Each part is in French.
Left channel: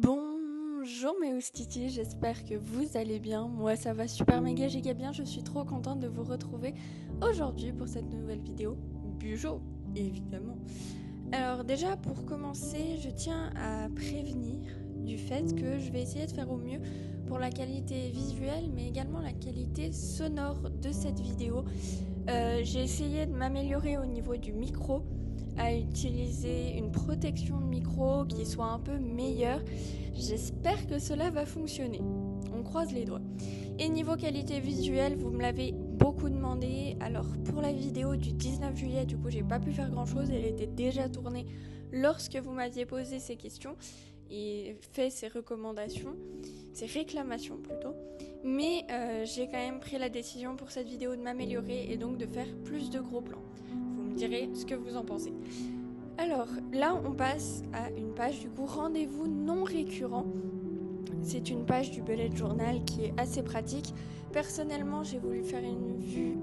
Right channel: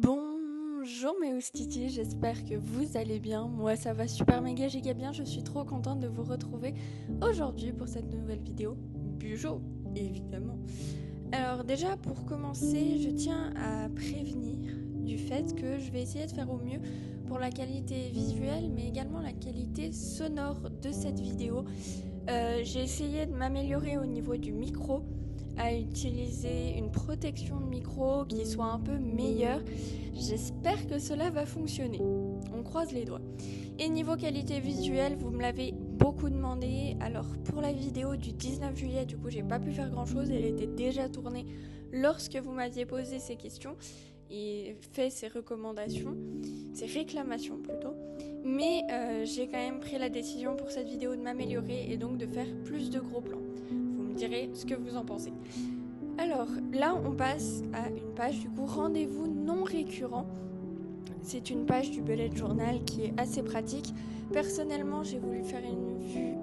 Bonjour mes oustitis, j'espère que vous allez bien. Moi ça va super méga giga bien, je suis trop contente de vous retrouver aujourd'hui pour cette nouvelle vidéo. Bujo, évidemment. Alors déjà pour commencer, je tiens à prévenir du fait que je vais essayer de faire au mieux pour la qualité visuelle mais également la qualité sonore de cette vidéo. J'ai essayé de m'améliorer au niveau du micro, à utiliser une protection de micro qui soit un peu meilleure. J'espère que cela va fonctionner. On croise les doigts. Et niveau qualité visuelle, vous me l'avez beaucoup demandé. Alors pour la vidéo du 19 juillet, du coup j'ai pas pu faire grand chose. Elle était déjà tournée lorsque vous m'aviez posé ces questions et fait ces recommandations, ces réclamations plutôt. Mais j'ai quand même pris la décision pour cette vidéo de m'améliorer et donc de faire plus de gros plans. Vous me direz ce que vous en pensez. Alors là on passe à une page du coup rendez-vous non récurrent. C'est une page du bullet journal qui est assez pratique. Personnellement j'ai voulu faire une vue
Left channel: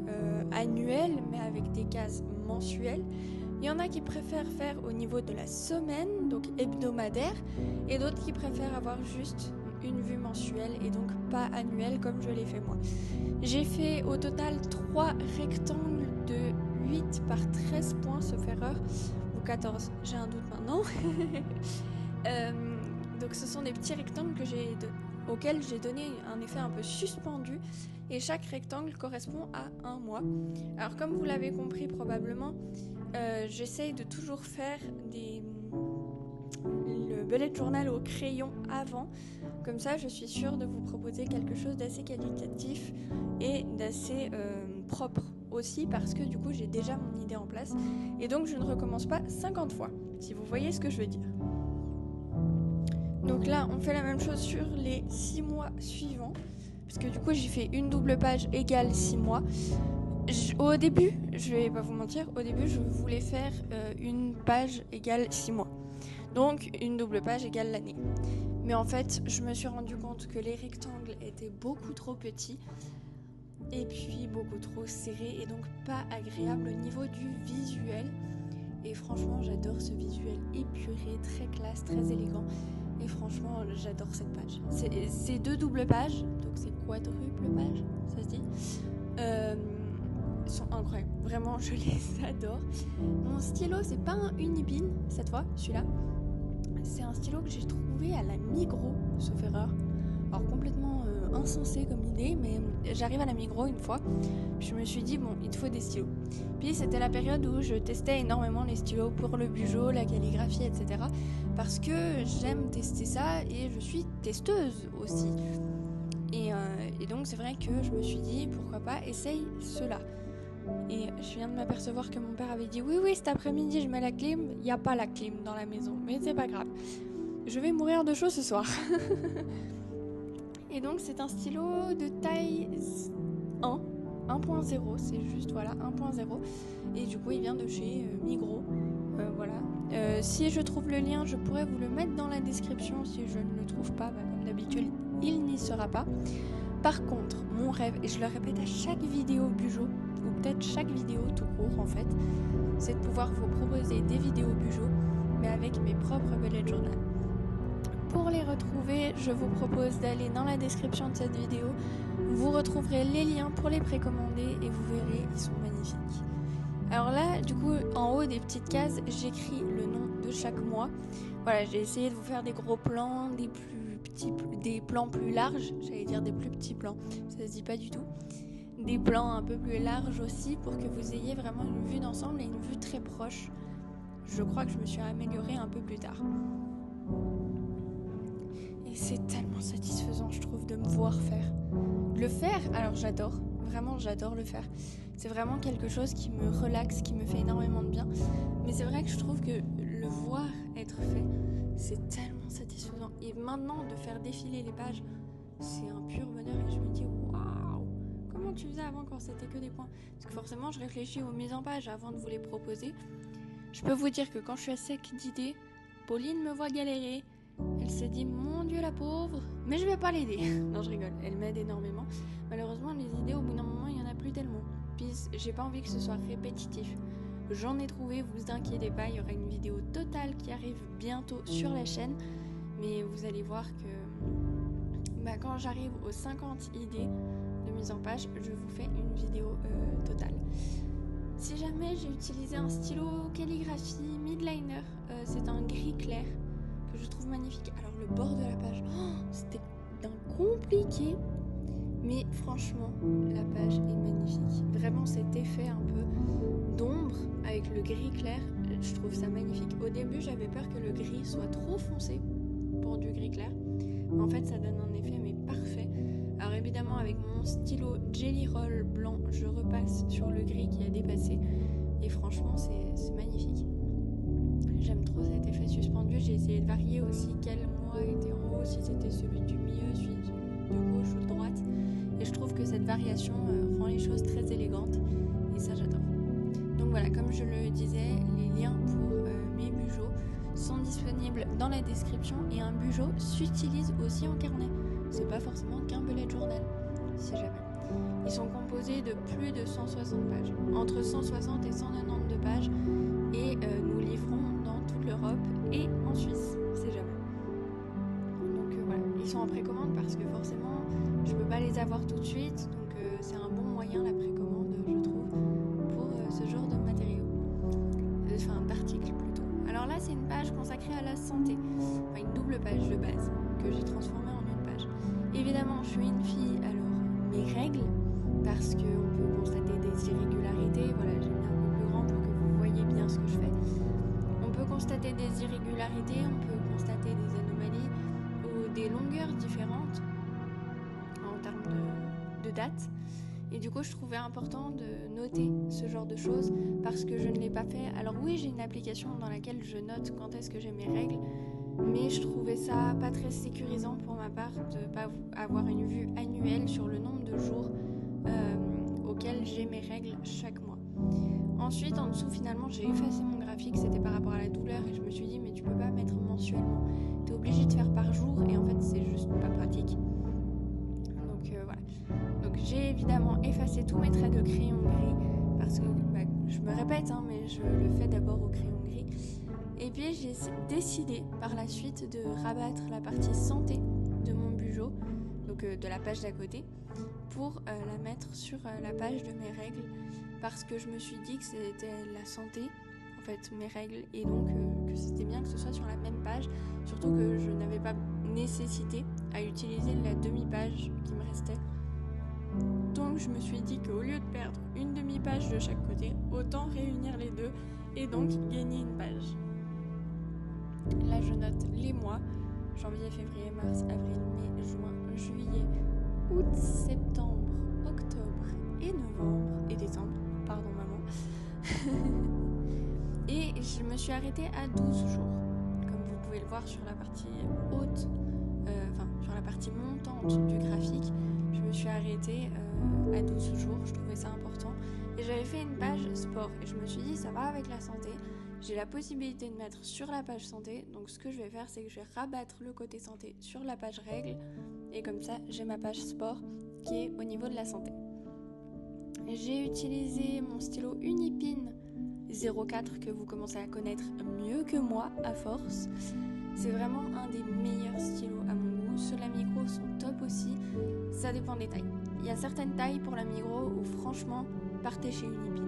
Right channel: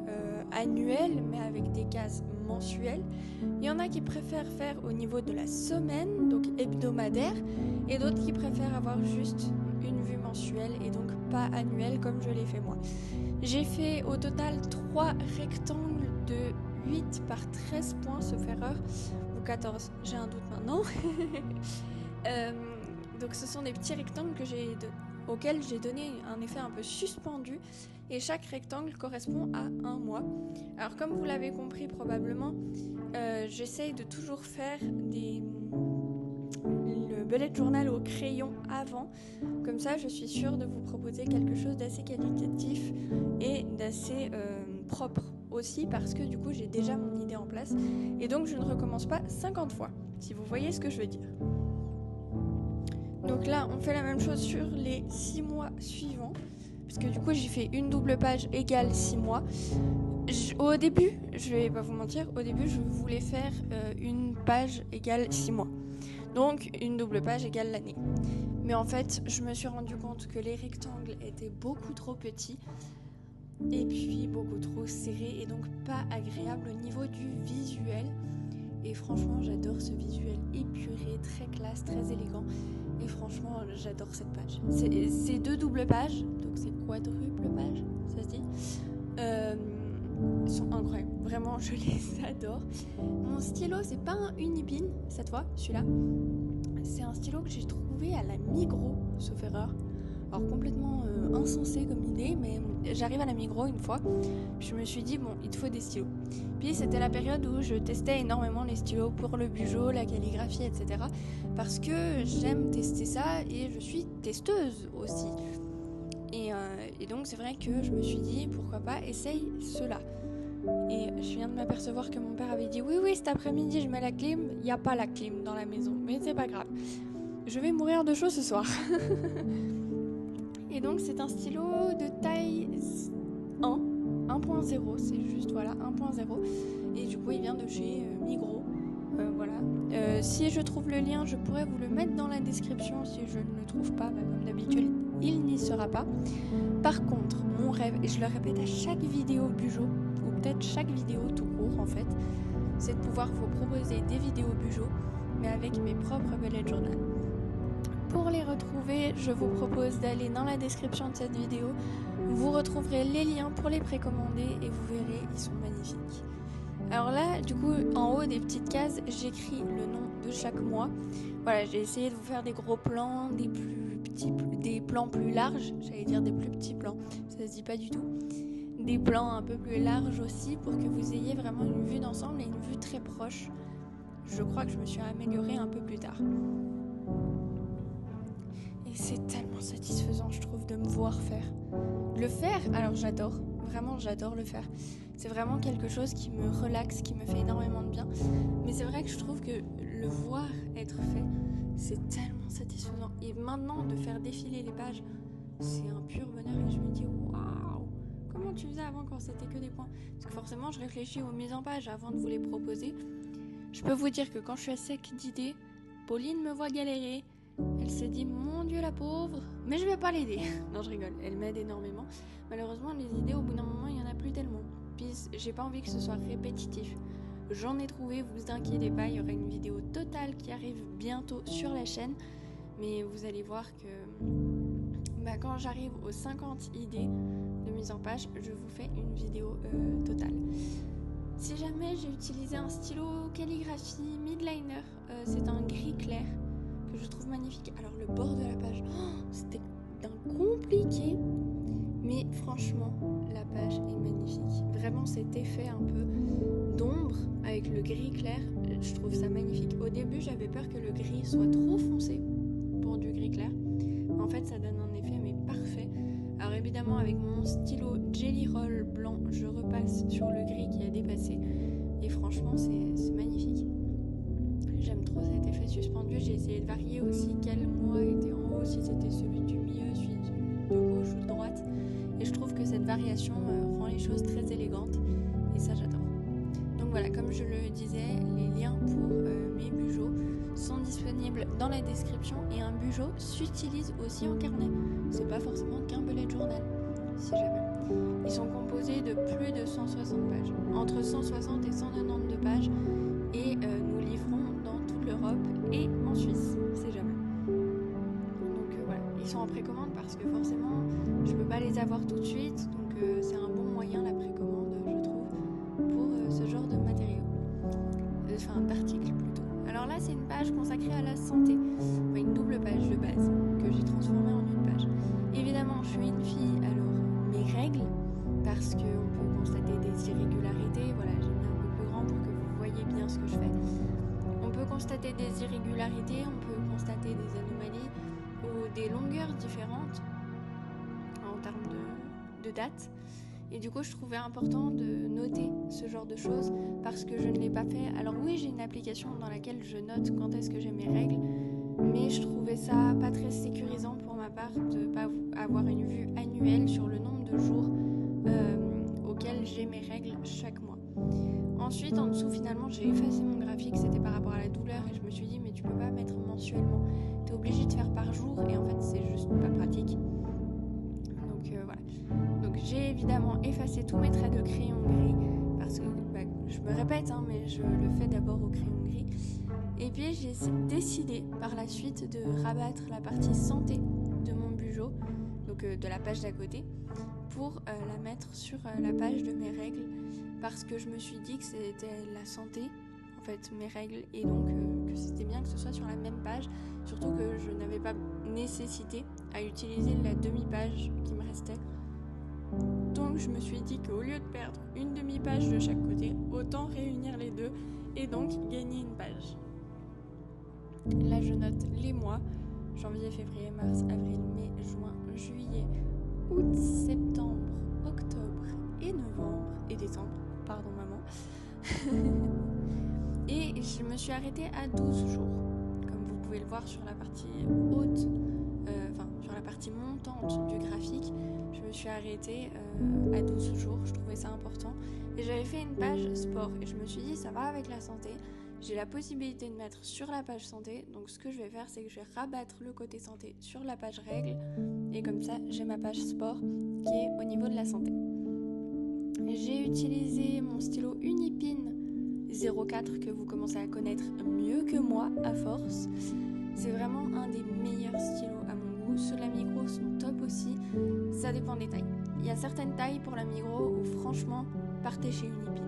annuelle mais avec des cases mensuelles. Il y en a qui préfèrent faire au niveau de la semaine, donc hebdomadaire, et d'autres qui préfèrent avoir juste une vue mensuelle et donc pas annuelle comme je l'ai fait moi. J'ai fait au total 3 rectangles de 8 par 13 points sauf erreur, ou 14, j'ai un doute maintenant. Donc ce sont des petits rectangles auxquels j'ai donné un effet un peu suspendu et chaque rectangle correspond à un mois. Alors comme vous l'avez compris probablement, j'essaye de toujours faire le bullet journal au crayon avant, comme ça je suis sûre de vous proposer quelque chose d'assez qualitatif et d'assez propre aussi, parce que du coup j'ai déjà mon idée en place et donc je ne recommence pas 50 fois, si vous voyez ce que je veux dire. Donc là on fait la même chose sur les 6 mois suivants, parce que du coup j'ai fait une double page égale 6 mois. Au début, je vais pas vous mentir, au début je voulais faire une page égale 6 mois. Donc une double page égale l'année. Mais en fait, je me suis rendu compte que les rectangles étaient beaucoup trop petits et puis beaucoup trop serrés et donc pas agréables au niveau du visuel. Et franchement, j'adore ce visuel épuré, très classe, très élégant. Et franchement, j'adore cette page. C'est 2 doubles pages, donc c'est quadruple page, ça se dit. Sont incroyables, vraiment je les adore. Mon stylo c'est pas un Unibin cette fois, celui-là c'est un stylo que j'ai trouvé à la Migros, sauf erreur. Alors complètement insensé comme idée, mais j'arrive à la Migros une fois, je me suis dit bon il te faut des stylos. Puis c'était la période où je testais énormément les stylos pour le bujo, la calligraphie, etc. Parce que j'aime tester ça et je suis testeuse aussi. Et donc c'est vrai que je me suis dit pourquoi pas essaye ceux-là. Et je viens de m'apercevoir que mon père avait dit oui cet après-midi je mets la clim. Il n'y a pas la clim dans la maison, mais c'est pas grave, je vais mourir de chaud ce soir. Et donc c'est un stylo de taille 1.0, c'est juste voilà 1.0, et du coup il vient de chez Migros. Voilà. Si je trouve le lien, je pourrais vous le mettre dans la description. Si je ne le trouve pas, comme d'habitude, il n'y sera pas. Par contre, mon rêve, et je le répète à chaque vidéo bujo, ou peut-être chaque vidéo tout court en fait, c'est de pouvoir vous proposer des vidéos bujo, mais avec mes propres bullet journal. Pour les retrouver, je vous propose d'aller dans la description de cette vidéo. Vous retrouverez les liens pour les précommander et vous verrez, ils sont magnifiques. Alors là, du coup, en haut des petites cases, j'écris le nom de chaque mois. Voilà, j'ai essayé de vous faire des gros plans, des plans plus larges, j'allais dire des plus petits plans, ça se dit pas du tout. Des plans un peu plus larges aussi pour que vous ayez vraiment une vue d'ensemble et une vue très proche. Je crois que je me suis améliorée un peu plus tard. Et c'est tellement satisfaisant, je trouve, de me voir faire. Le faire, alors j'adore, vraiment j'adore le faire. C'est vraiment quelque chose qui me relaxe, qui me fait énormément de bien. Mais c'est vrai que je trouve que le voir être fait, c'est tellement satisfaisant. Et maintenant, de faire défiler les pages, c'est un pur bonheur. Et je me dis, waouh, comment tu faisais avant quand c'était que des points? Parce que forcément, je réfléchis aux mises en page avant de vous les proposer. Je peux vous dire que quand je suis à sec d'idées, Pauline me voit galérer. Elle se dit, mon Dieu la pauvre, mais je vais pas l'aider. Non, je rigole, elle m'aide énormément. Malheureusement, les idées, au bout d'un moment, il y en a plus tellement. Puis, j'ai pas envie que ce soit répétitif. J'en ai trouvé, vous inquiétez pas, il y aura une vidéo totale qui arrive bientôt sur la chaîne. mais vous allez voir que quand j'arrive aux 50 idées de mise en page, je vous fais une vidéo totale. Si jamais j'ai utilisé un stylo calligraphie midliner, c'est un gris clair que je trouve magnifique. Alors le bord de la page, c'était compliqué, mais franchement la page est magnifique. Vraiment cet effet un peu d'ombre avec le gris clair, je trouve ça magnifique. Au début j'avais peur que le gris soit trop foncé pour du gris clair, mais en fait ça donne un effet mais parfait. Alors évidemment avec mon stylo Jelly Roll blanc, je repasse sur le gris qui a dépassé et franchement c'est magnifique. J'aime trop cet effet suspendu. J'ai essayé de varier aussi quel moi était en haut, si c'était celui du milieu, celui de gauche ou de droite, et je trouve que cette variation rend les choses très élégantes et ça j'adore. Donc voilà, comme je le disais, les liens pour mes bujots sont disponibles dans la description et un bujot s'utilise aussi en carnet. C'est pas forcément qu'un bullet journal, si jamais. Ils sont composés de plus de 160 pages, entre 160 et 192 pages, et nous livrons dans toute l'Europe et en Suisse, si jamais. Donc voilà, ils sont en précommande parce que forcément, je peux pas les avoir tout de suite, donc c'est un bon moyen la précommande, je trouve, pour ce genre de matériaux, enfin d'articles plutôt. Alors là, c'est une page consacrée à la santé, enfin une double page de base que j'ai transformée en une page. Évidemment, je suis une fille, alors mes règles, parce qu'on peut constater des irrégularités. Voilà, j'ai mis un peu plus grand pour que vous voyez bien ce que je fais. On peut constater des irrégularités, on peut constater des anomalies ou des longueurs différentes en termes de date. Et du coup, je trouvais important de noter ce genre de choses parce que je ne l'ai pas fait. Alors oui, j'ai une application dans laquelle je note quand est-ce que j'ai mes règles, mais je trouvais ça pas très sécurisant pour ma part de ne pas avoir une vue annuelle sur le nombre de jours auxquels j'ai mes règles chaque mois. Ensuite, en dessous, finalement, j'ai effacé mon graphique, c'était par rapport à la douleur et je me suis dit, mais tu peux pas mettre mensuellement, tu es obligé de faire par jour et en fait, c'est juste pas pratique. Donc voilà. Donc j'ai évidemment effacé tous mes traits de crayon gris parce que je me répète, mais je le fais d'abord au crayon gris. Et puis j'ai décidé par la suite de rabattre la partie santé de mon bujot, donc de la page d'à côté, pour la mettre sur la page de mes règles, parce que je me suis dit que c'était la santé, en fait, mes règles, et donc que c'était bien que ce soit sur la même page, surtout que je n'avais pas nécessité à utiliser la demi-page qui me restait. Donc je me suis dit qu'au lieu de perdre une demi-page de chaque côté, autant réunir les deux et donc gagner une page. Là je note les mois, janvier, février, mars, avril, mai, juin, juillet, août, septembre, octobre et novembre et décembre, pardon maman. Et je me suis arrêtée à 12 jours, comme vous pouvez le voir sur la partie haute, sur la partie montante du graphique. Je me suis arrêtée à 12 jours, je trouvais ça important. Et j'avais fait une page sport et je me suis dit ça va avec la santé. J'ai la possibilité de mettre sur la page santé, donc ce que je vais faire c'est que je vais rabattre le côté santé sur la page règles et comme ça j'ai ma page sport qui est au niveau de la santé. J'ai utilisé mon stylo Unipin 04 que vous commencez à connaître mieux que moi à force. C'est vraiment un des meilleurs stylos à mon goût. Ceux de la Migros sont top aussi, ça dépend des tailles. Il y a certaines tailles pour la Migros où franchement partez chez Unipin.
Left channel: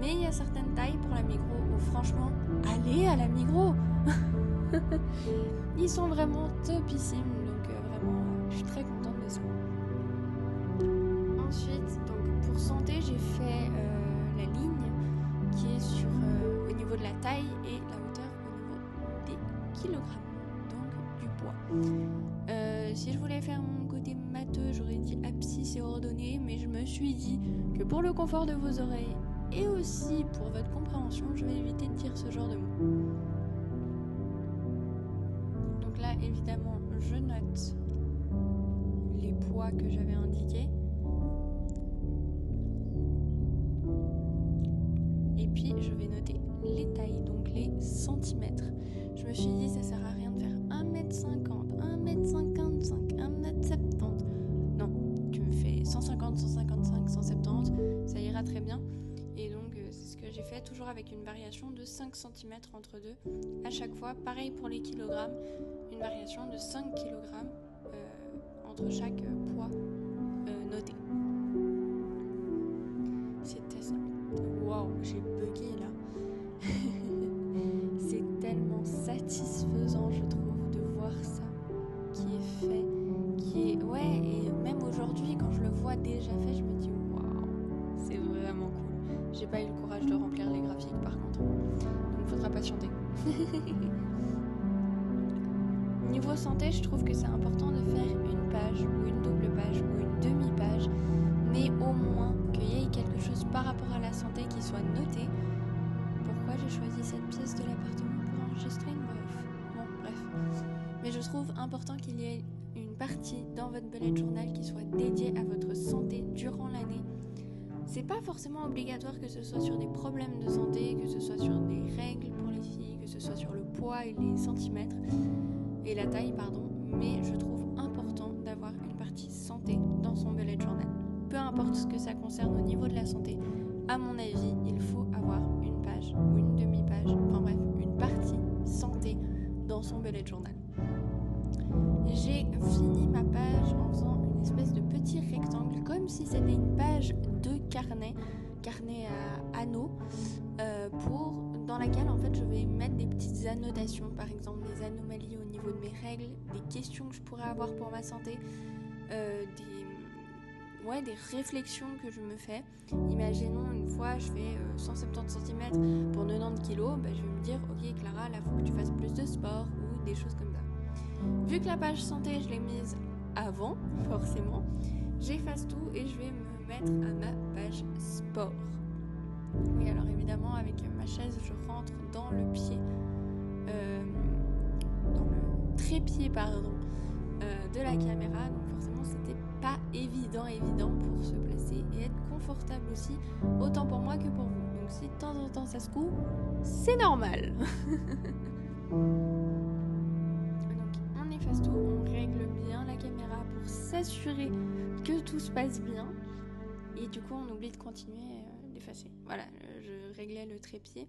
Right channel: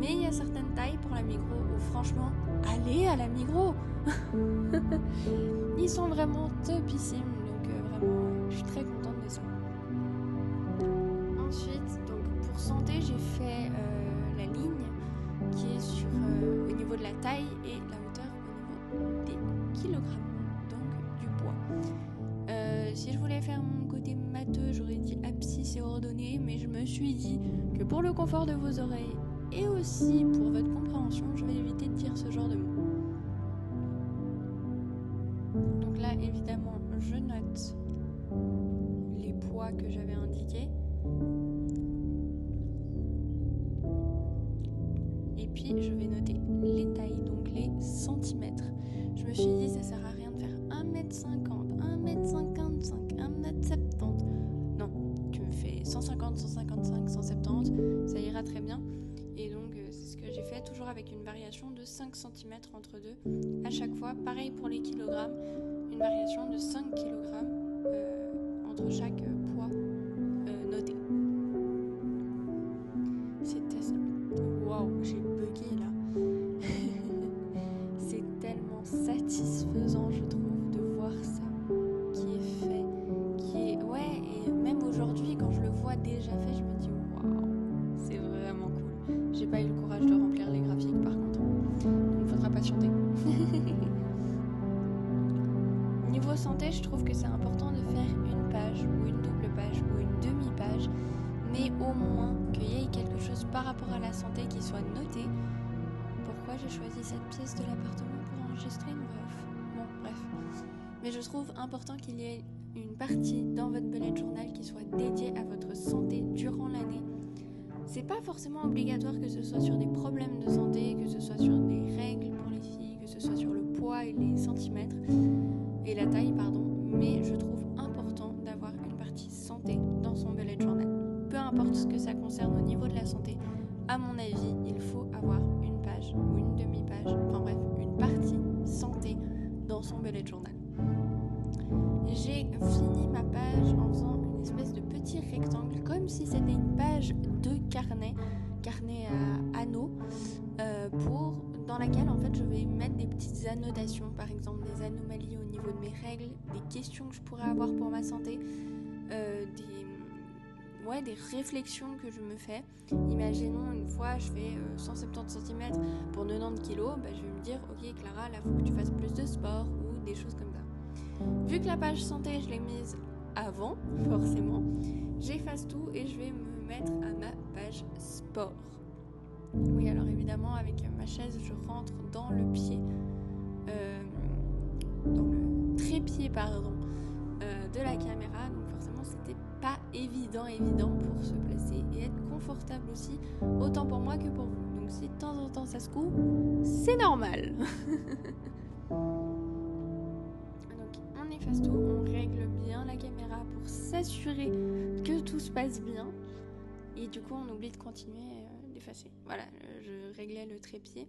Mais il y a certaines tailles pour la Migros où franchement, allez à la Migros. Ils sont vraiment topissimes, donc vraiment, je suis très contente de ça. Ensuite, donc pour santé, j'ai fait la ligne qui est au niveau de la taille et la hauteur au niveau des kilogrammes, donc du poids. Si je voulais faire mon côté matheux, j'aurais dit abscisse et ordonnée, mais je me suis dit que pour le confort de vos oreilles et aussi pour votre compréhension, je vais éviter de dire ce genre de mots. Donc là, évidemment, je note les poids que j'avais indiqués. Et puis, je vais noter les tailles, donc les centimètres. Je me suis dit, ça sert à rien de faire 1m50, 1m55, 1m70. Non, tu me fais 150, 155, 170, ça ira très bien. Et donc, c'est ce que j'ai fait, toujours avec une variation de 5 cm entre deux. À chaque fois, pareil pour les kilogrammes, une variation de 5 kg entre chaque poids noté. C'était ça. Waouh, j'ai bugué là. C'est tellement satisfaisant, je trouve, de voir ça qui est fait, ouais, et même aujourd'hui quand je le vois déjà fait, je me dis waouh, c'est vraiment cool. J'ai pas eu le courage de remplir les graphiques par contre, donc faudra patienter. Niveau santé, je trouve que c'est important de faire une page ou une double page ou une demi-page, mais au moins qu'il y ait quelque chose par rapport à la santé qui soit noté. Pourquoi j'ai choisi cette pièce de l'appartement pour enregistrer une voix off? Bon, bref. Mais je trouve important qu'il y ait une partie dans votre bullet journal qui soit dédiée à votre santé durant l'année. C'est pas forcément obligatoire que ce soit sur des problèmes de santé, que ce soit sur des règles pour les filles, que ce soit sur le poids et les centimètres et la taille, pardon, mais je trouve important d'avoir une partie santé dans son bullet journal. Peu importe ce que ça concerne au niveau de la santé, à mon avis, il faut avoir une page ou une demi-page, enfin bref, une partie santé dans son bullet journal. J'ai fini ma page en faisant une espèce de petit rectangle, comme si c'était une page de carnet à anneaux, dans laquelle en fait je vais mettre des petites annotations, par exemple des anomalies au niveau de mes règles, des questions que je pourrais avoir pour ma santé, des réflexions que je me fais. Imaginons une fois je fais 170 cm pour 90 kg, je vais me dire ok Clara, là faut que tu fasses plus de sport ou des choses comme ça. Vu que la page santé je l'ai mise avant, forcément, j'efface tout et je vais me mettre à ma page sport. Oui, alors évidemment avec ma chaise je rentre dans le pied, dans le trépied de la caméra, donc forcément c'était pas évident pour se placer et être confortable aussi, autant pour moi que pour vous. Donc si de temps en temps ça se coupe, c'est normal. Donc on efface tout, on règle bien la caméra pour s'assurer que tout se passe bien et du coup on oublie de continuer d'effacer. Voilà, je réglais le trépied.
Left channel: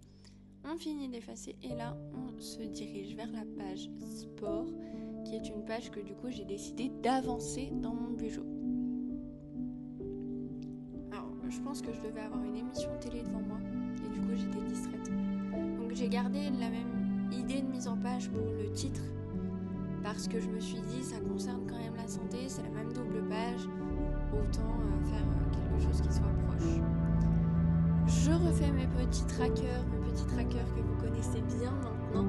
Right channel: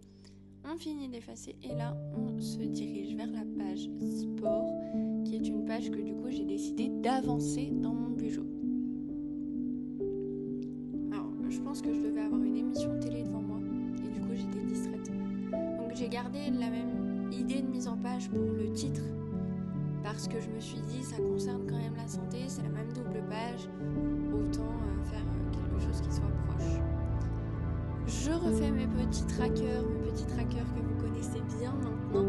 On finit d'effacer et là on se dirige vers la page sport, qui est une page que du coup j'ai décidé d'avancer dans mon Bujo. Alors je pense que je devais avoir une émission télé devant moi et du coup j'étais distraite. Donc j'ai gardé la même idée de mise en page pour le titre parce que je me suis dit ça concerne quand même la santé, c'est la même double page, autant faire quelque chose qui soit proche. Je refais mes petits trackers que vous connaissez bien maintenant,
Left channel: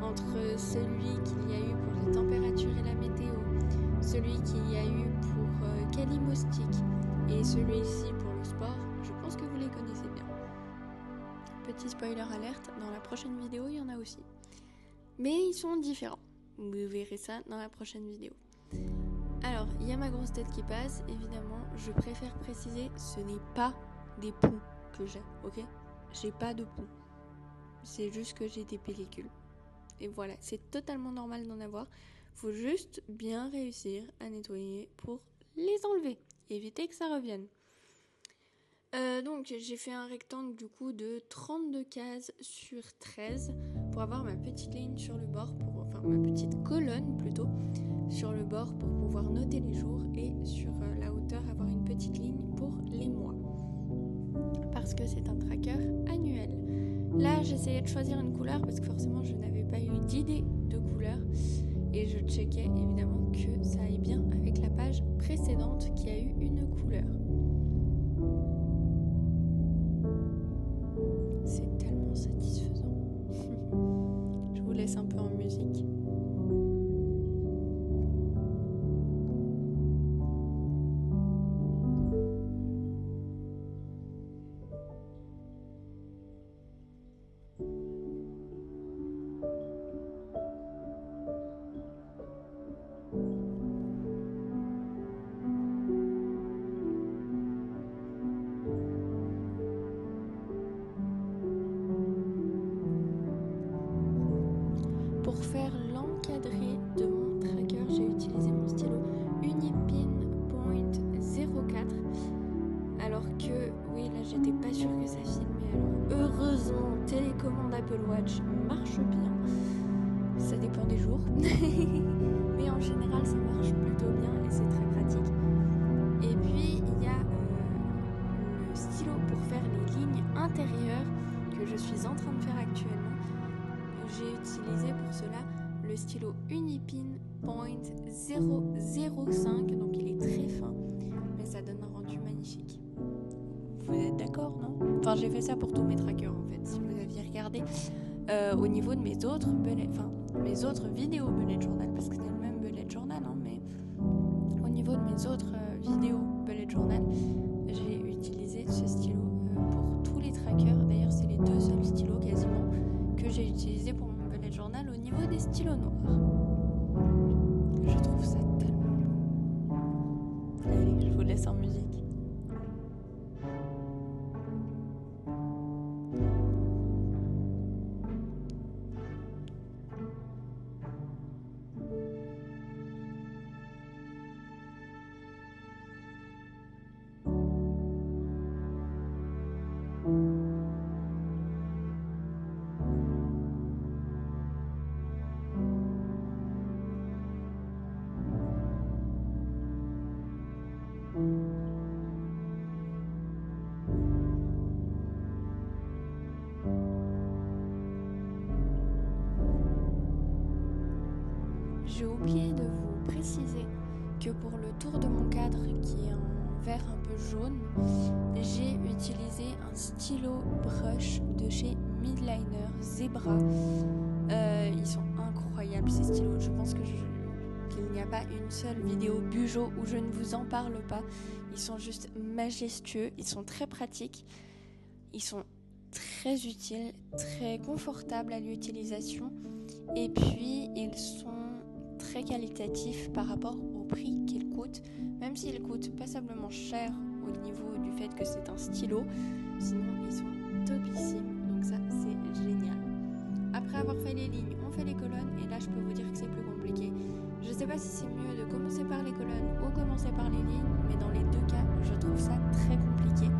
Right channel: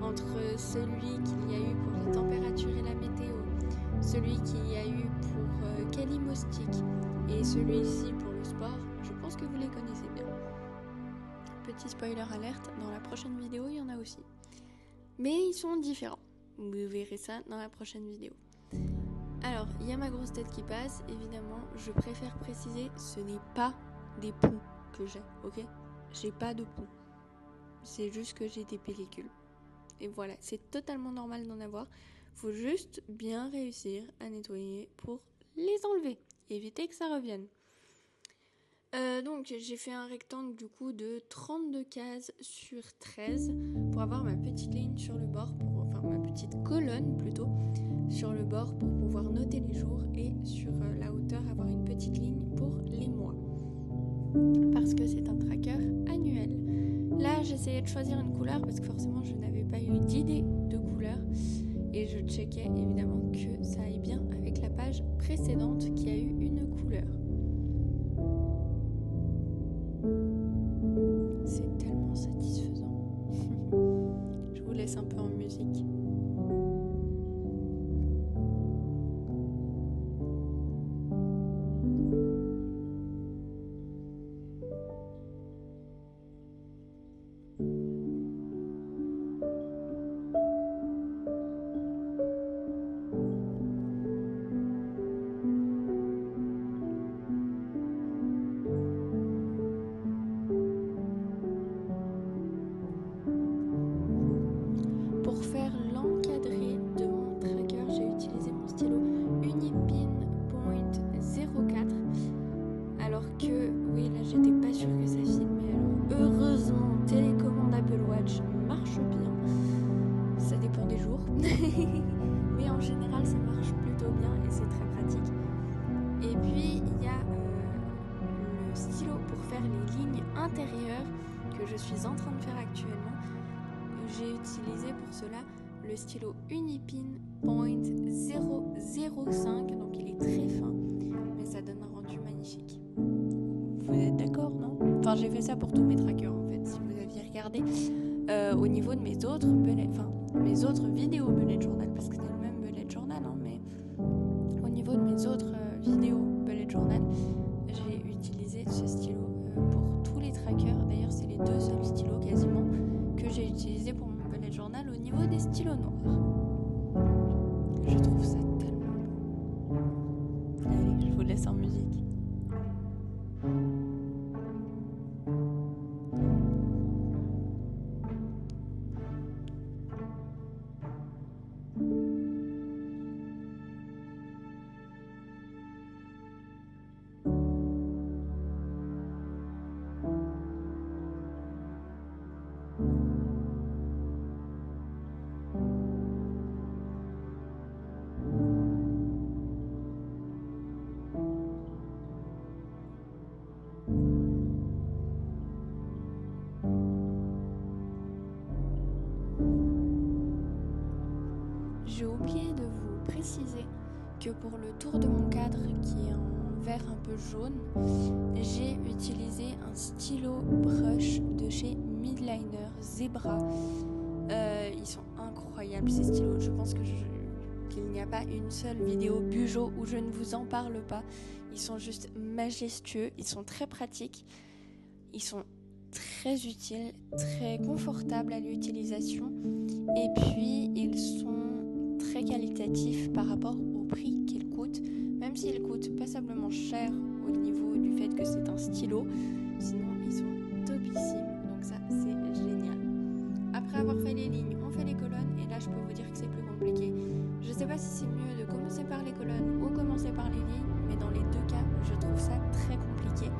entre celui qu'il y a eu pour les températures et la météo, celui qu'il y a eu pour Kalimostic et celui-ci pour le sport. Je pense que vous les connaissez bien. Petit spoiler alerte, dans la prochaine vidéo il y en a aussi. Mais ils sont différents, vous verrez ça dans la prochaine vidéo. Alors, il y a ma grosse tête qui passe, évidemment, je préfère préciser, ce n'est pas des poux que j'ai, ok? J'ai pas de poux. C'est juste que j'ai des pellicules. Et voilà, c'est totalement normal d'en avoir. Faut juste bien réussir à nettoyer pour les enlever. Éviter que ça revienne. Donc j'ai fait un rectangle du coup de 32 cases sur 13 pour avoir ma petite ligne sur le bord, ma petite colonne plutôt, sur le bord pour pouvoir noter les jours et sur la hauteur avoir une petite ligne pour les mois. Parce que c'est un tracker annuel. Là, j'essayais de choisir une couleur parce que forcément, je n'avais pas eu d'idée de couleur. Et je checkais évidemment que ça aille bien avec la page précédente qui a eu une couleur. C'est tellement satisfaisant. Je vous laisse un peu en musique. Pour faire général ça marche plutôt bien et c'est très pratique. Et puis il y a le stylo pour faire les lignes intérieures que je suis en train de faire actuellement. J'ai utilisé pour cela le stylo Unipin Point 005, donc il est très fin, mais ça donne un rendu magnifique. Vous êtes d'accord, non? Enfin, j'ai fait ça pour tous mes trackers en fait, si vous aviez regardé au niveau de mes autres vidéos bullet journal, parce que c'est le même bullet journal, hein, mais au niveau de mes autres vidéos bullet journal, j'ai utilisé ce stylo pour tous les trackers. D'ailleurs, c'est les 2 seuls stylos quasiment que j'ai utilisé pour mon bullet journal au niveau des stylos noirs. Je trouve ça tellement beau. Allez, je vous laisse en musique. J'ai oublié de vous préciser que pour le tour de mon cadre qui est en vert un peu jaune, j'ai utilisé un stylo brush de chez Midliner Zebra. Ils sont incroyables ces stylos. Je pense qu'il n'y a pas une seule vidéo Bujo où je ne vous en parle pas. Ils sont juste majestueux, ils sont très pratiques, ils sont très utiles, très confortables à l'utilisation et puis ils sont très qualitatifs par rapport au prix qu'ils coûtent, même s'ils coûtent passablement cher au niveau du fait que c'est un stylo, sinon ils sont topissimes, donc ça c'est génial. Après avoir fait les lignes, on fait les colonnes et là je peux vous dire que c'est plus compliqué. Je sais pas si c'est mieux de commencer par les colonnes ou commencer par les lignes, mais dans les 2 cas je trouve ça très compliqué.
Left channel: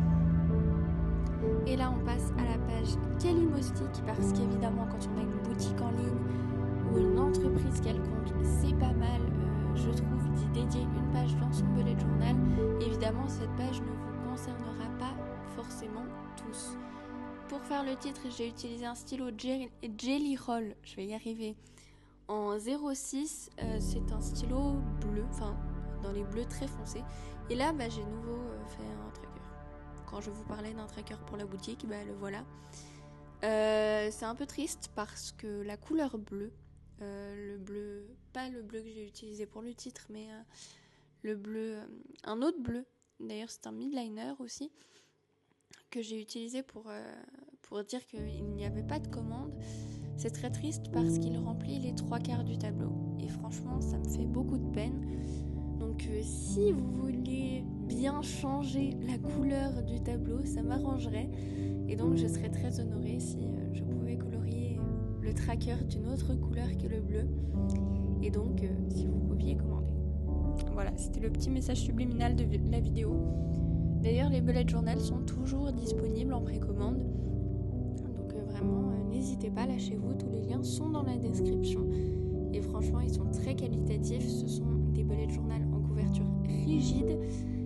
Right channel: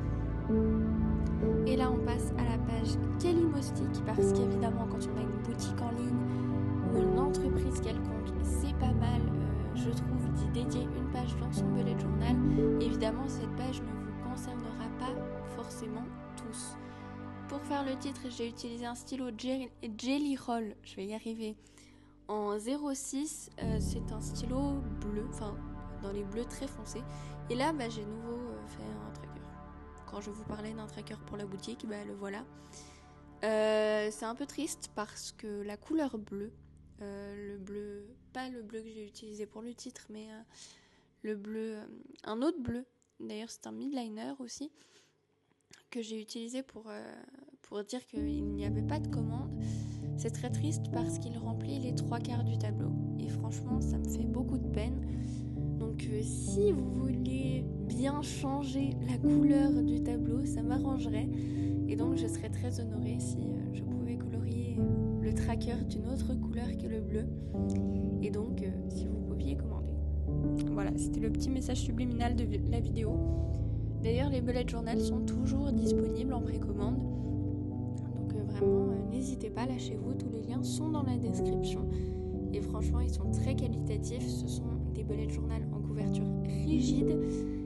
Et là on passe à la page Kalimostic, parce qu'évidemment quand on a une boutique en ligne ou une entreprise quelconque, c'est pas mal, je trouve, d'y dédier une page dans son bullet journal. Évidemment, cette page ne vous concernera pas forcément tous. Pour faire le titre, j'ai utilisé un stylo Jelly Roll, je vais y arriver, en 06. C'est un stylo bleu, enfin dans les bleus très foncés. Et là, j'ai nouveau fait un tracker. Quand je vous parlais d'un tracker pour la boutique, le voilà. C'est un peu triste parce que la couleur bleue, le bleu, pas le bleu que j'ai utilisé pour le titre, mais le bleu, un autre bleu, d'ailleurs c'est un midliner aussi, que j'ai utilisé pour dire qu'il n'y avait pas de commande. C'est très triste parce qu'il remplit les 3/4 du tableau, et franchement ça me fait beaucoup de peine. Donc si vous voulez bien changer la couleur du tableau, ça m'arrangerait, et donc je serais très honorée si je pouvais colorier le tracker d'une autre couleur que le bleu, et donc si vous pouviez commander. Voilà, c'était le petit message subliminal de la vidéo. D'ailleurs, les bullet journal sont toujours disponibles en précommande, donc vraiment n'hésitez pas, lâchez-vous, tous les liens sont dans la description, et franchement ils sont très qualitatifs. Ce sont des bullet journal en couverture rigide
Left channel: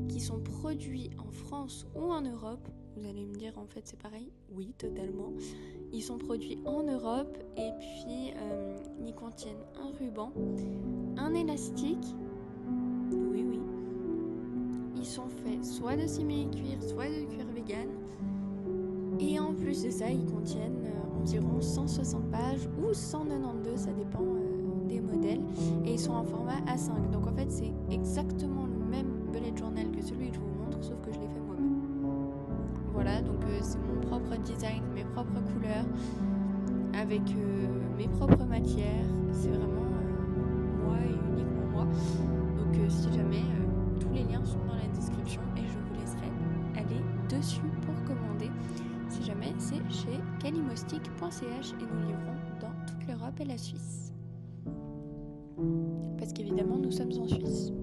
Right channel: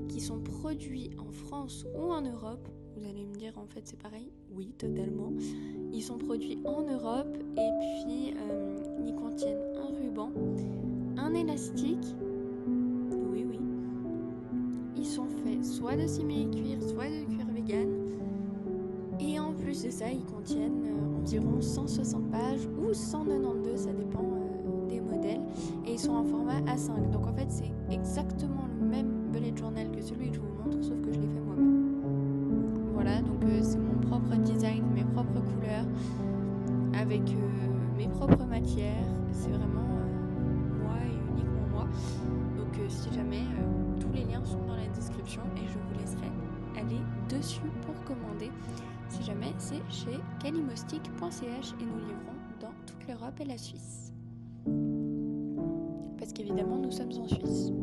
qui sont produits en France ou en Europe. Vous allez me dire en fait c'est pareil. Oui, totalement. Ils sont produits en Europe, et puis ils contiennent un ruban, un élastique. Oui. Ils sont faits soit de simili-cuir, soit de cuir vegan. Et en plus de ça, ils contiennent environ 160 pages ou 192, ça dépend des modèles. Et ils sont en format A5. Donc en fait, c'est exactement le même bullet journal que celui que je vous montre, sauf que je l'ai fait moi-même. Voilà, donc c'est mon propre design, mes propres couleurs, avec mes propres matières. C'est vraiment moi et uniquement moi. Donc si jamais, tous les liens sont dans la description et je vous laisserai aller dessus pour commander. Si jamais, c'est chez kalimostic.ch et nous livrons dans toute l'Europe et la Suisse. Parce qu'évidemment, nous sommes en Suisse.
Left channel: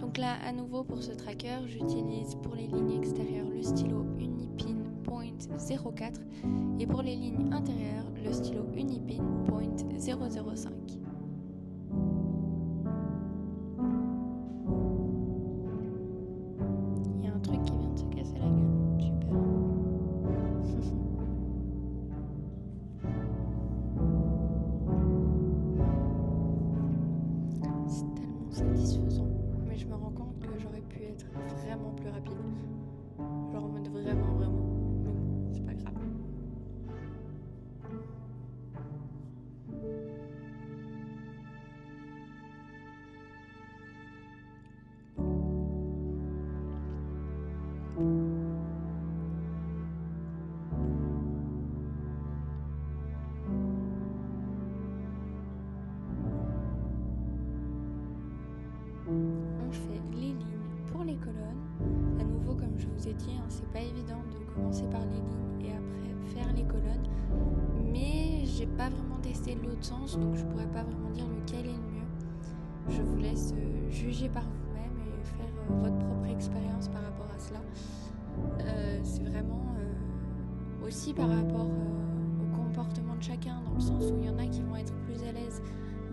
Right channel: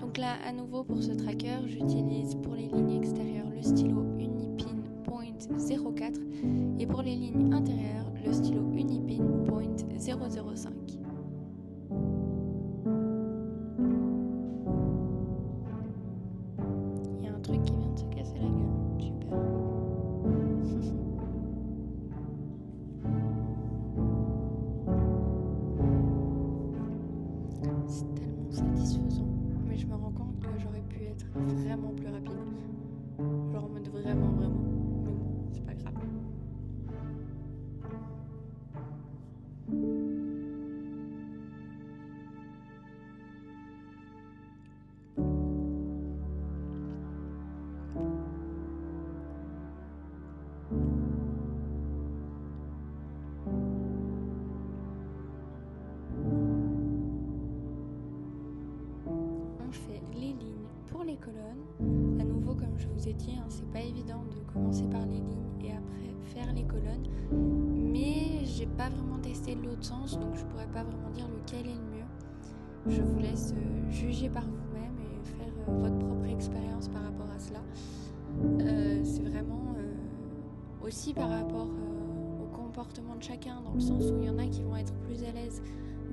Donc là, à nouveau, pour ce tracker, j'utilise pour les lignes extérieures le stylo Unipin Point 04 et pour les lignes intérieures, le stylo Unipin Point 005. satisfaisant. Mais je me rends compte que j'aurais pu être vraiment plus rapide. Genre en mode vraiment. Mais bon, c'est pas grave. On fait les lignes pour les colonnes. À nouveau, comme je vous ai dit, c'est pas évident de commencer par les lignes et après faire les colonnes. Mais j'ai pas vraiment testé l'autre sens, donc je pourrais pas vraiment dire lequel est le mieux. Je vous laisse juger par vous-même et faire votre propre expérience par rapport à cela. C'est vraiment aussi par rapport au comportement de chacun, dans le sens où il y en a qui vont être plus à l'aise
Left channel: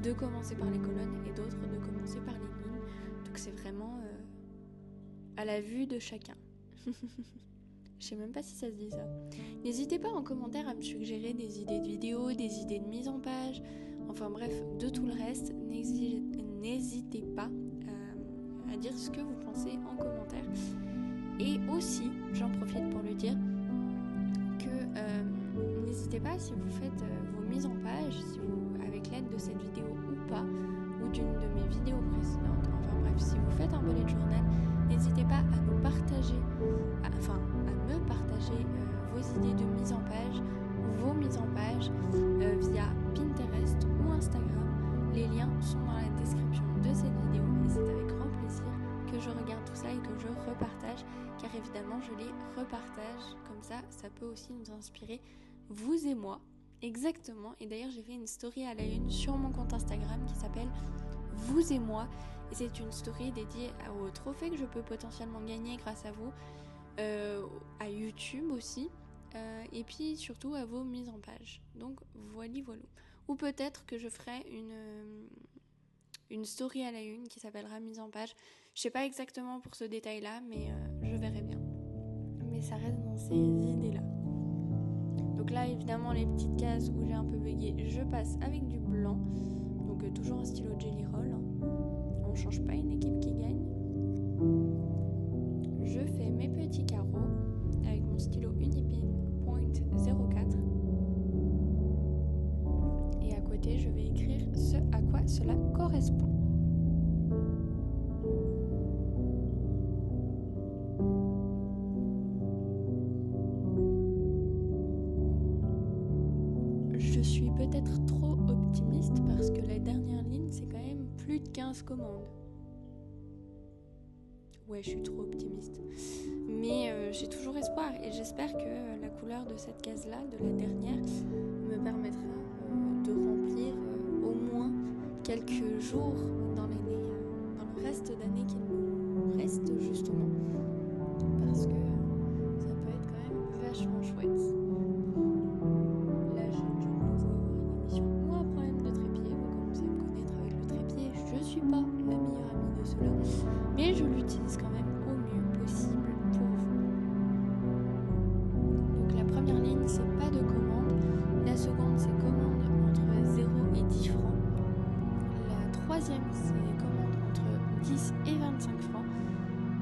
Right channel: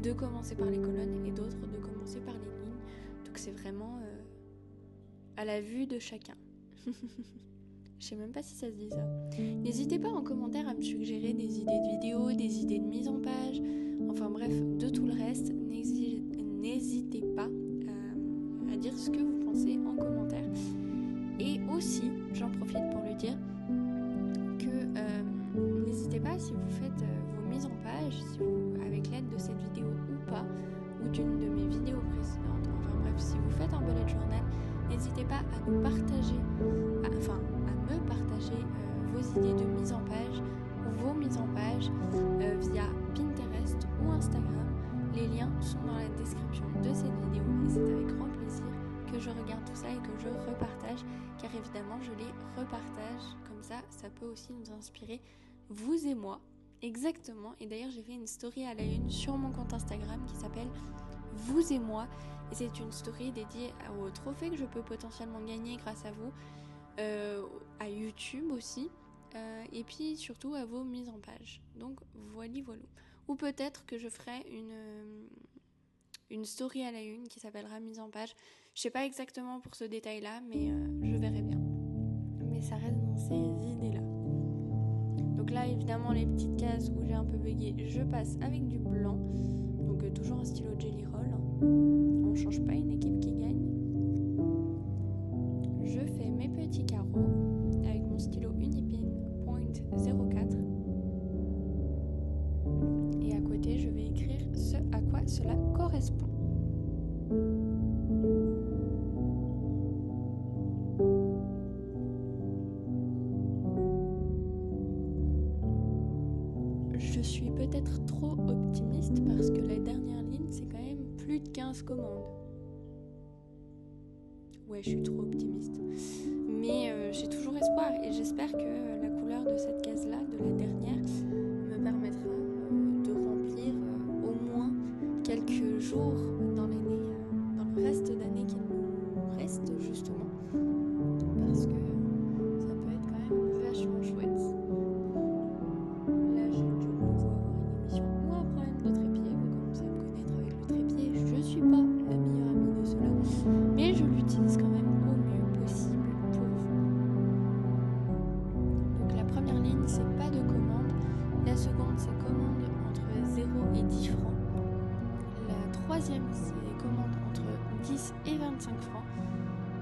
de commencer par les colonnes et d'autres de commencer par les lignes. Donc c'est vraiment à la vue de chacun. Je sais même pas si ça se dit ça. N'hésitez pas en commentaire à me suggérer des idées de vidéos, des idées de mise en page, enfin bref, de tout le reste. N'hésitez pas à dire ce que vous pensez en commentaire. Et aussi, j'en profite pour le dire, que n'hésitez pas, si vous faites vos mises en page, avec l'aide de cette vidéo ou pas, ou d'une de mes vidéos précédentes, enfin bref, si vous faites un bullet journal, n'hésitez pas à nous partager, à me partager vos idées de mise en page ou vos mises en page via Pinterest ou Instagram. Les liens sont dans la description de cette vidéo et c'est avec grand plaisir que je regarde tout ça et que je repartage, car évidemment je les repartage, comme ça peut aussi nous inspirer, vous et moi, exactement. Et d'ailleurs j'ai fait une story à la une sur mon compte Instagram qui s'appelle Vous et moi, et c'est une story dédiée au trophée que je peux potentiellement gagner grâce à vous, à YouTube aussi, et puis surtout à vos mises en page. Donc voilà. Ou peut-être que je ferai une story à la une qui s'appellera mise en page. Je sais pas exactement pour ce détail-là, mais je verrai bien. Mais ça reste dans ces idées-là. Donc là, évidemment, les petites cases où j'ai un peu bugué, je passe avec du blanc. Donc toujours un stylo Jelly Roll. On change pas une équipe qui gagne. Je fais mes petits carreaux avec mon stylo Unipin .04. Et à côté, je vais écrire ce à quoi cela correspond. Je suis peut-être trop optimiste parce que la dernière ligne, c'est quand même plus de 15 commandes. Ouais, je suis trop optimiste. Mais j'ai toujours espoir et j'espère que la couleur de cette case-là, de la dernière, me permettra de remplir au moins quelques jours dans l'année, dans le reste d'année qu'il nous reste justement, parce que ça peut être quand même vachement chouette. Là, j'ai de nouveau avoir une émission ou un problème de trépied. Vous commencez à me connaître avec le trépied. Je suis pas la meilleure amie de cela, mais je l'utilise quand même au mieux possible pour vous. Donc la première ligne, c'est pas de commande. La seconde, c'est commande entre 0 et 10 francs. La troisième, c'est commande entre 10 et 25 francs.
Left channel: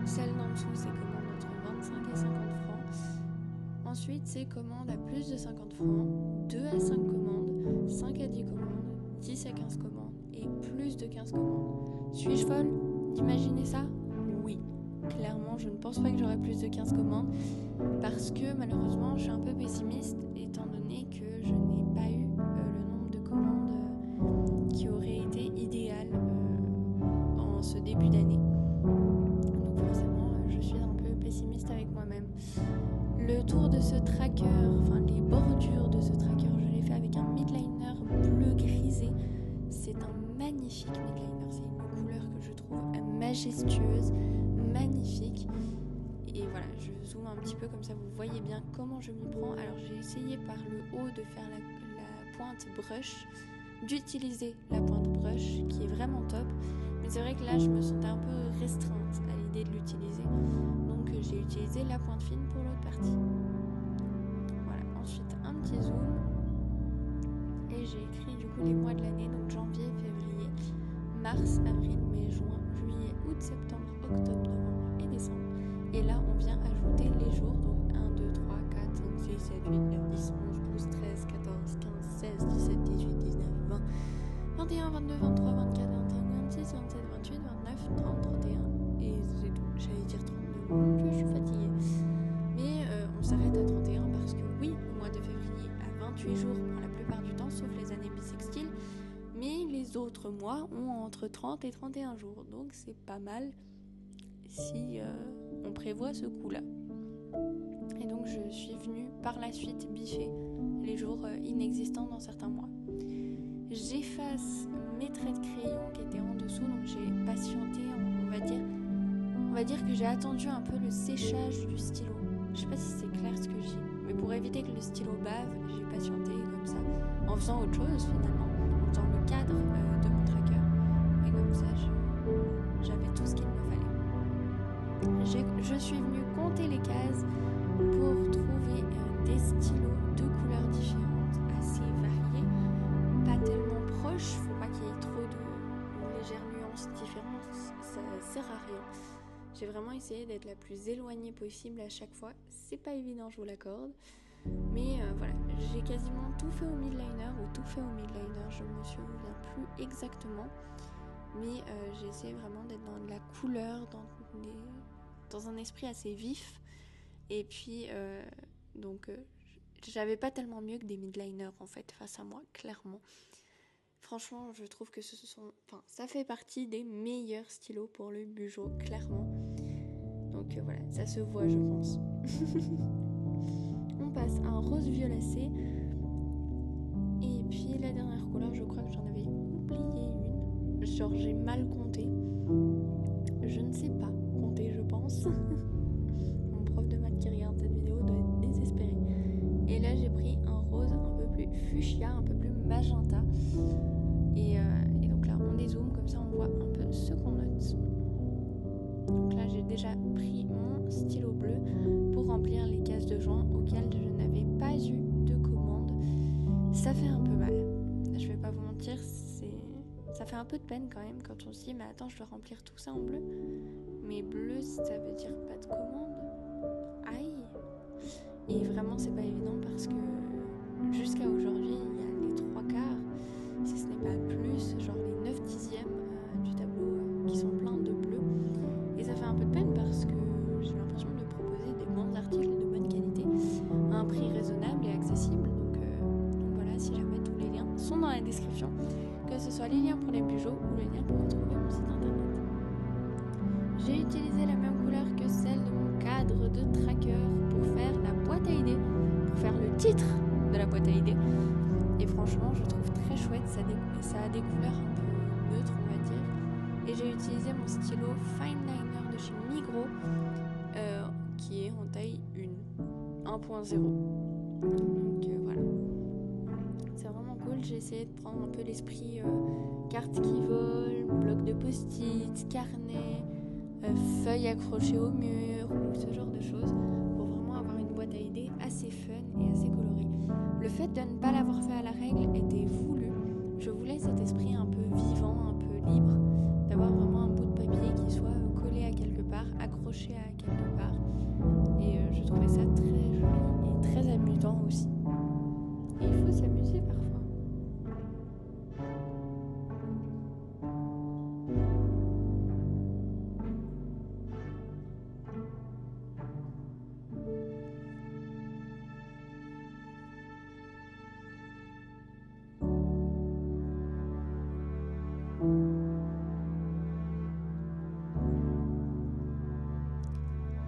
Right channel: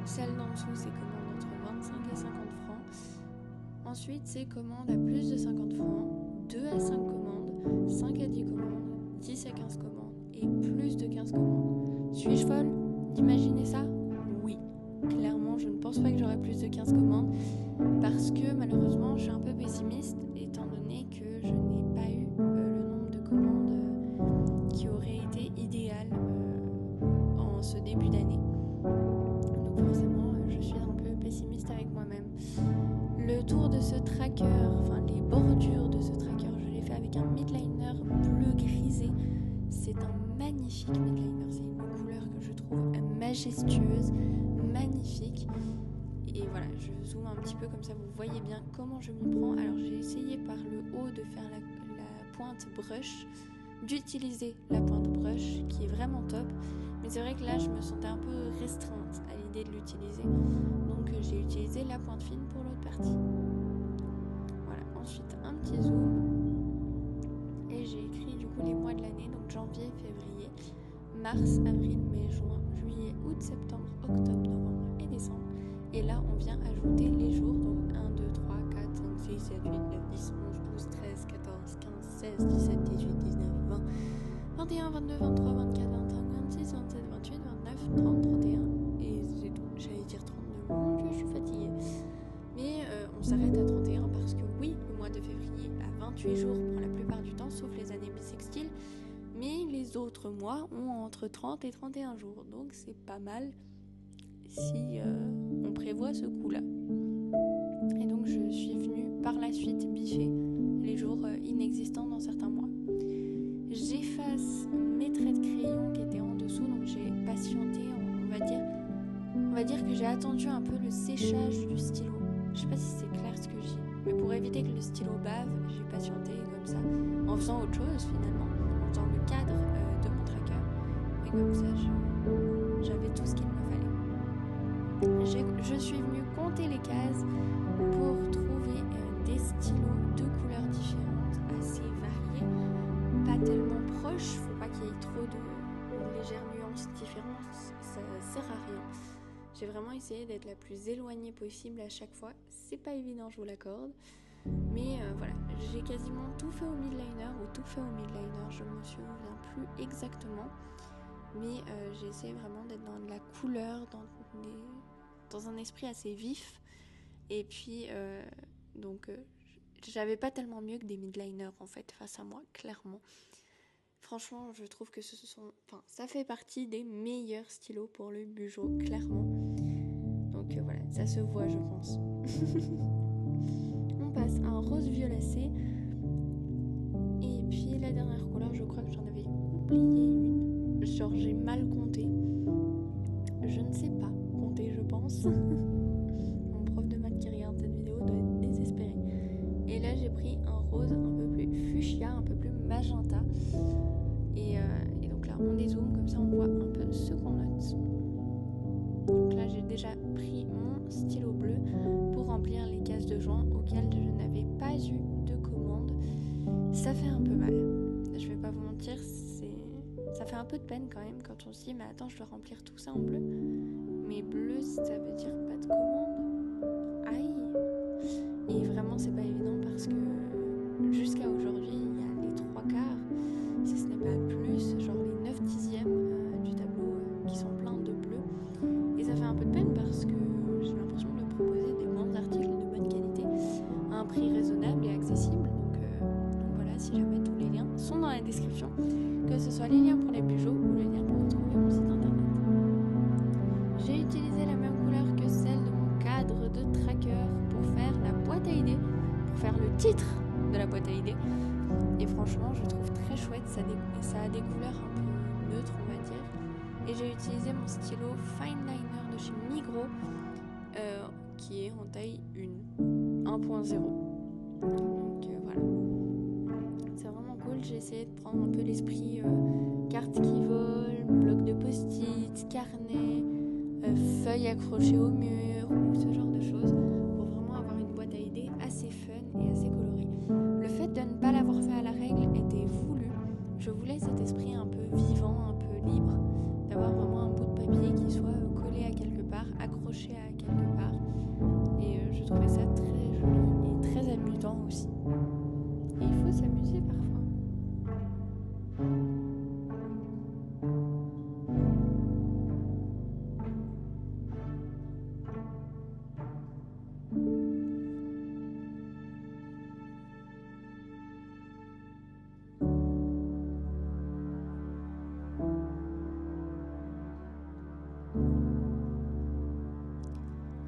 Celle d'en dessous, c'est commande entre 25 et 50 francs. Ensuite, c'est commande à plus de 50 francs, 2 à 5 commandes, 5 à 10 commandes, 10 à 15 commandes et plus de 15 commandes. Suis-je folle d'imaginer ça? Oui. Clairement, je ne pense pas que j'aurai plus de 15 commandes parce que malheureusement, je suis un peu pessimiste étant donné que je n'ai pas eu le nombre de commandes qui aurait été idéal en ce début d'année. Donc forcément, je suis un peu pessimiste avec moi-même. Le tour de ce tracker, enfin les bordures de ce tracker, je l'ai fait avec un midliner bleu grisé. C'est un magnifique midliner, c'est une couleur que je trouve majestueuse, magnifique. Et voilà, je zoome un petit peu comme ça, vous voyez bien comment je m'y prends. Alors j'ai essayé par le haut de faire la pointe brush, d'utiliser la pointe brush qui est vraiment top. Mais c'est vrai que là je me sentais un peu restreinte à l'idée de l'utiliser. Donc j'ai utilisé la pointe fine pour l'autre partie. Voilà, ensuite un petit zoom. Et j'ai écrit du coup les mois de l'année, donc janvier, février, mars, avril, mai, juin, août, septembre, octobre, novembre et décembre. Et là, on vient ajouter les jours, donc 1, 2, 3, 4, 5, 6, 7, 8, 9, 10, 11, 12, 13, 14, 15, 16, 17, 18, 19, 20, 21, 22, 23, 24, 25, 26, 27, 28, 29, 30, 31, et c'est tout. J'allais dire 32, mon Dieu, je suis fatiguée. Mais on s'arrête à 31 parce que oui, le mois de février a 28 jours pour la plupart du temps, sauf les années bissextiles. Mais les autres mois ont entre 30 et 31 jours, donc c'est pas mal si on prévoit ce coup-là. Et donc je suis venue par la suite biffer les jours inexistants dans certains mois. J'efface mes traits de crayon qui étaient en dessous, donc j'ai patienté, on va dire que j'ai attendu un peu le séchage du stylo. Je sais pas si c'est clair ce que je dis, mais pour éviter que le stylo bave, j'ai patienté comme ça, en faisant autre chose finalement, en faisant le cadre de mon tracker, et comme ça j'avais tout ce qu'il me fallait. Je suis venue compter les cases pour trouver des stylos de couleurs différentes, assez variés, pas tellement proches, faut pas qu'il y ait trop de légères nuances différentes, ça sert à rien. J'ai vraiment essayé d'être la plus éloignée possible à chaque fois, c'est pas évident, je vous l'accorde, mais voilà, j'ai quasiment tout fait au midliner ou tout fait au midliner, je me souviens plus exactement, mais j'ai essayé vraiment d'être dans de la couleur, dans un esprit assez vif, et puis j'avais pas tellement mieux que des midliners en fait face à moi, clairement. Franchement, je trouve que ça fait partie des meilleurs stylos pour le Bujo, clairement. Donc voilà, ça se voit, je pense. On passe à un rose violacé. Et puis la dernière couleur, je crois que j'en avais oublié une. Genre j'ai mal compté. Je ne sais pas compter, je pense. Mon prof de maths qui regarde cette vidéo doit être désespéré. Et là j'ai pris un rose un peu plus fuchsia, un peu plus magenta. Et donc là on dézoome, comme ça on voit un peu ce qu'on note. Donc là j'ai déjà pris mon stylo bleu pour remplir les cases de joint auxquelles je n'avais pas eu de commande. Ça fait un peu mal, je vais pas vous mentir, ça fait un peu de peine quand même quand on se dit mais attends, je dois remplir tout ça en bleu. Mais bleu, ça veut dire pas de commande. Aïe. Et vraiment c'est pas évident parce que jusqu'à aujourd'hui il y a les 3/4, si ce n'est pas plus, genre les 9 dixièmes du tableau qui sont pleins de bleu. Et ça fait un peu de peine parce que j'ai l'impression de proposer des bons articles de bonne qualité à un prix raisonnable et accessible. Donc voilà, si jamais tous les liens sont dans la description, que ce soit les liens pour les bujots ou les liens pour retrouver mon site internet. J'ai utilisé la même couleur que celle de mon cadre de tracker pour faire la boîte à idées, pour faire le titre de la boîte à idées. Et franchement, je trouve très chouette, ça a des couleurs un peu neutres, on va dire. Et j'ai utilisé mon stylo Fine Liner de chez Migros, qui est en taille 1.0. Donc voilà. C'est vraiment cool, j'ai essayé de prendre un peu l'esprit cartes qui volent, blocs de post-it, carnet, feuilles accrochées au mur, ou ce genre de choses, pour vraiment avoir une boîte à idées assez fun et assez colorée. Le fait de ne pas l'avoir fait à la règle était voulu. Je voulais cet esprit un peu vivant, un peu libre, d'avoir vraiment un bout de papier qui soit collé à quelque part, accroché à quelque part. Et je trouvais ça très joli et très amusant aussi. Et il faut s'amuser parfois.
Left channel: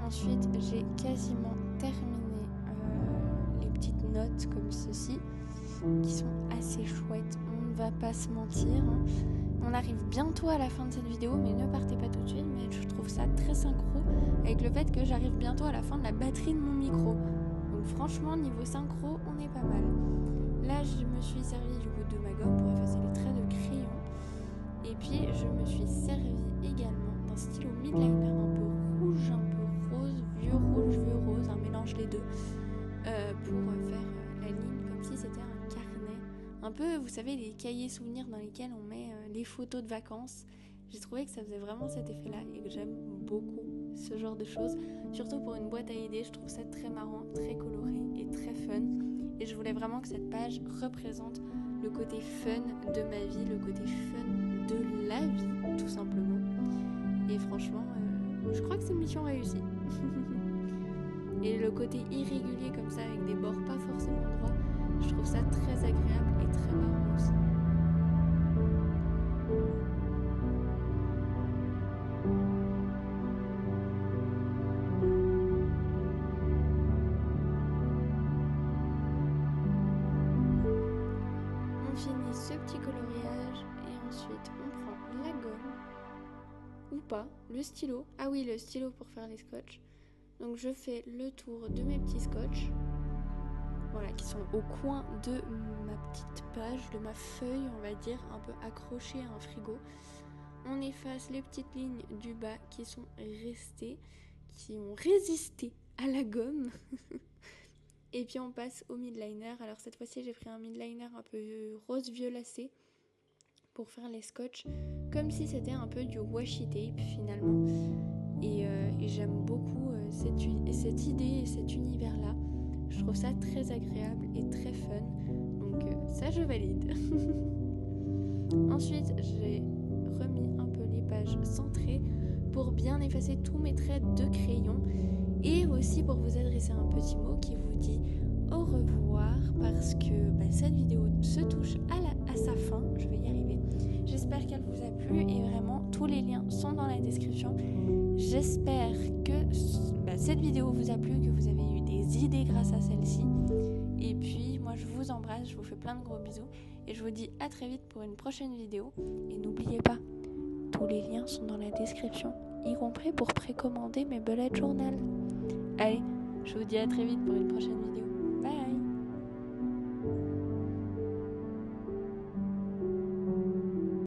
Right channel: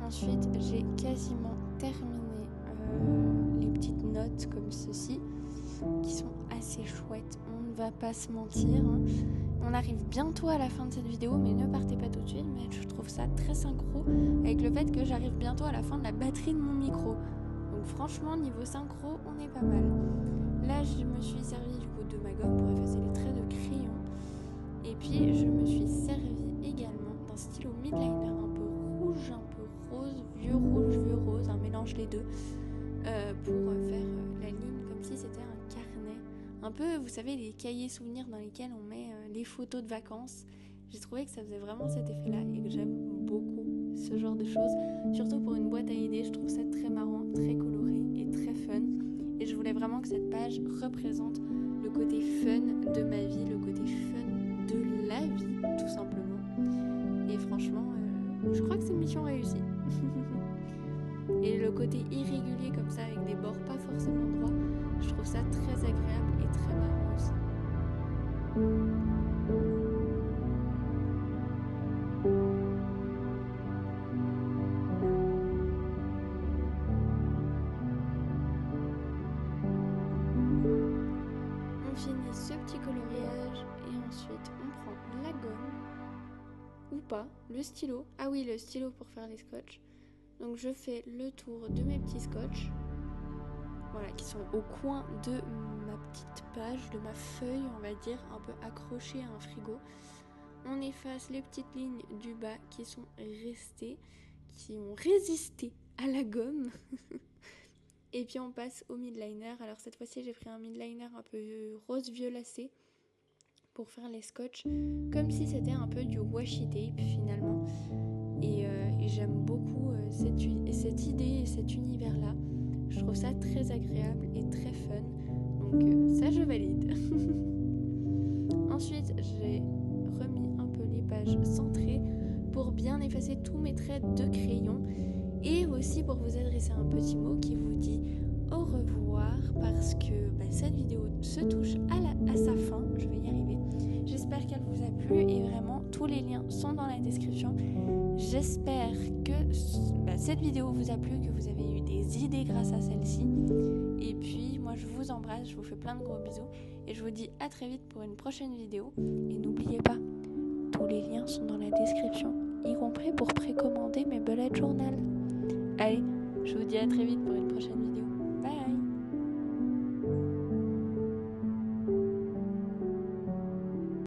Ensuite, j'ai quasiment terminé les petites notes comme ceci, qui sont assez chouettes, on ne va pas se mentir. On arrive bientôt à la fin de cette vidéo, mais ne partez pas tout de suite, mais je trouve ça très synchro avec le fait que j'arrive bientôt à la fin de la batterie de mon micro. Donc franchement, niveau synchro, on est pas mal. Là, je me suis servi du coup de ma gomme pour effacer les traits de crayon. Et puis, je me suis servi également d'un stylo midliner un peu rouge, un peu rose, vieux rose, un mélange les deux, pour faire la ligne comme si c'était un carnet. Un peu, vous savez, les cahiers souvenirs dans lesquels on met les photos de vacances, J'ai trouvé que ça faisait vraiment cet effet-là et que j'aime beaucoup ce genre de choses. Surtout pour une boîte à idées, je trouve ça très marrant, très coloré et très fun. Et je voulais vraiment que cette page représente le côté fun de ma vie, le côté fun de la vie, tout simplement. Et franchement, je crois que c'est une mission réussie. Et le côté irrégulier comme ça, avec des bords pas forcément droits, je trouve ça très agréable et très marrant aussi. On finit ce petit coloriage et ensuite on prend la gomme, ou pas, le stylo. Ah oui, le stylo pour faire les scotch. Donc je fais le tour de mes petits scotch, voilà, qui sont au coin de ma petite page, de ma feuille, on va dire, un peu accrochée à un frigo. On efface les petites lignes du bas qui sont restées, qui ont résisté à la gomme. Et puis on passe au midliner. Alors cette fois-ci j'ai pris un midliner un peu rose violacé pour faire les scotch, comme si c'était un peu du washi tape finalement. Et j'aime beaucoup cette idée et cet univers-là. Je trouve ça très agréable et très fun. Donc ça, je valide. Ensuite, j'ai remis un peu les pages centrées pour bien effacer tous mes traits de crayon. Et aussi pour vous adresser un petit mot qui vous dit au revoir, parce que cette vidéo se touche à sa fin. Je vais y arriver. J'espère qu'elle vous a plu et vraiment tous les liens sont dans la description. J'espère que cette vidéo vous a plu, que vous avez eu des idées grâce à celle-ci. Et puis moi je vous embrasse, je vous fais plein de gros bisous et je vous dis à très vite pour une prochaine vidéo. Et n'oubliez pas, tous les liens sont dans la description, y compris pour précommander mes bullet journal. Allez, je vous dis à très vite pour une prochaine vidéo. Bye!